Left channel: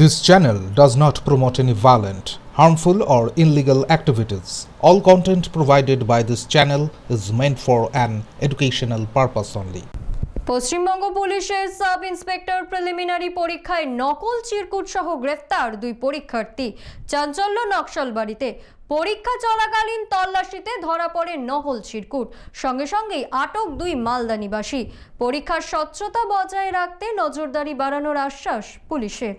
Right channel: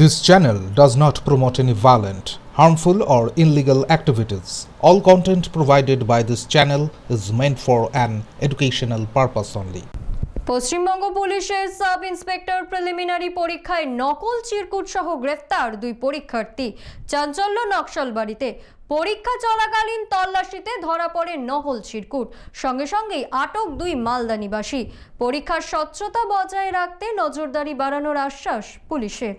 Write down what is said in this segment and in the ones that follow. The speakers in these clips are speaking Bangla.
This channel does not promote any violent, harmful, or illegal activities. All content provided by this channel is meant for an educational purpose only. Paschimbanga পুলিশের সাব ইন্সপেক্টর প্রিলিমিনারি পরীক্ষায় নকল চিরকুট সহ গ্রেফতার দুই পরীক্ষার্থী। চাঞ্চল্য নকশাল বাড়িতে। পরীক্ষা চলাকালীন তল্লাশিতে ধরা পড়ে নকল চিরকুট। সঙ্গে সঙ্গেই আটক দুই মালদা নিবাসী। পরীক্ষার স্বচ্ছতা বজায় রাখতে নজরদারি বাড়ানোর আশ্বাস পুলিশের।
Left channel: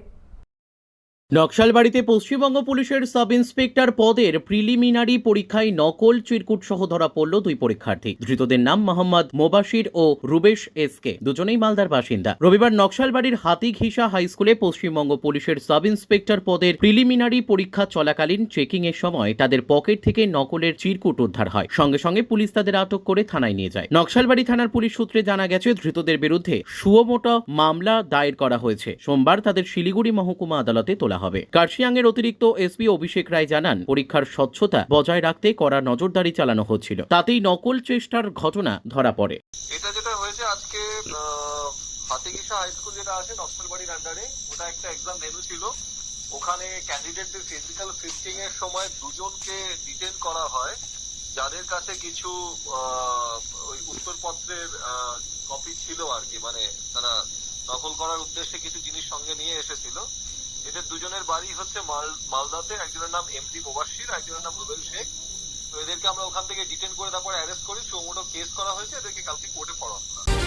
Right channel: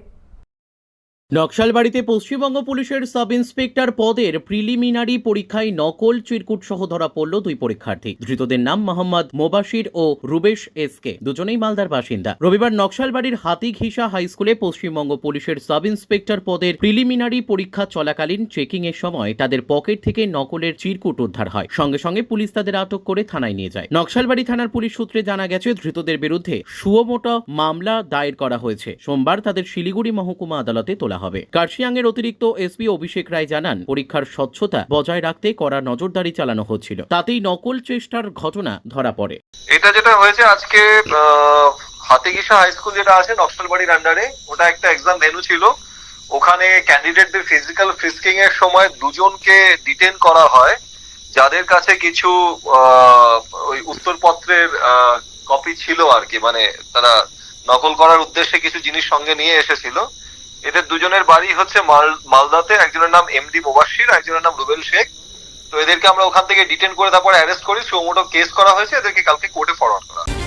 নকশালবাড়িতে পশ্চিমবঙ্গ পুলিশের সাব ইন্সপেক্টর পদের প্রিলিমিনারি পরীক্ষায় নকল চিরকুট সহ ধরা পড়ল দুই পরীক্ষার্থী। ধৃতদের নাম মোহাম্মদ মোবাশির ও রুবেশ এসকে। দুজনেই মালদার বাসিন্দা। রবিবার নকশালবাড়ির হাতিঘিসা হাই স্কুলে পশ্চিমবঙ্গ পুলিশের সাব ইন্সপেক্টর পদের প্রিলিমিনারি পরীক্ষা চলাকালীন চেকিং এর সময় তাদের পকেট থেকে নকলের চিরকুট উদ্ধার হয়। সঙ্গে সঙ্গে পুলিশ তাদের আটক করে থানায় নিয়ে যায়। নকশালবাড়ি থানার পুলিশ সূত্রে জানা গেছে, ধৃতদের বিরুদ্ধে সুয়মোটা মামলা দায়ের করা হয়েছে। সোমবার তাদের শিলিগুড়ি মহকুমা আদালতে তোলা হবে। কার্শিয়াং এর অতিরিক্ত এসপি অভিষেক রায় জানান, পরীক্ষার স্বচ্ছতা বজায় রাখতে কড়া নজরদারি চালানো হচ্ছিল। তাতেই নকল চেষ্টার ঘটনা ধরা পড়ে। এটা যেটা হয়েছে আজকে হাতিগিসা হাই স্কুল যেটা আছে নকশালবাড়ির আন্ডারে ওটা একটা এক্সাম ভেনু ছিল। ওখানে ক্যান্ডিডেটদের ফিজিক্যাল ফ্রিস্কিং এর সময় দুজনকে ডিটেন করা হয়। যাদের কাছে কিছু ওই উত্তরপত্রের কপি ছিল আর কি মানে তারা নকল করার উদ্দেশ্যে কিছু জিনিস সঙ্গে নিয়ে এসেছিল। এদের দুজনের বাড়ি হচ্ছে মাল- মালদাতে। একজনের নাম এমডি মোবাশির একজনের নাম রুবেল শেখ। তো এদেরকে আমরা ওখান থেকে ডিটেন করে তারপরে অ্যারেস্ট করি। সুমোটো কেস করা হয়েছে। এদেরকে কালকে কোর্টে ফরওয়ার্ড করা।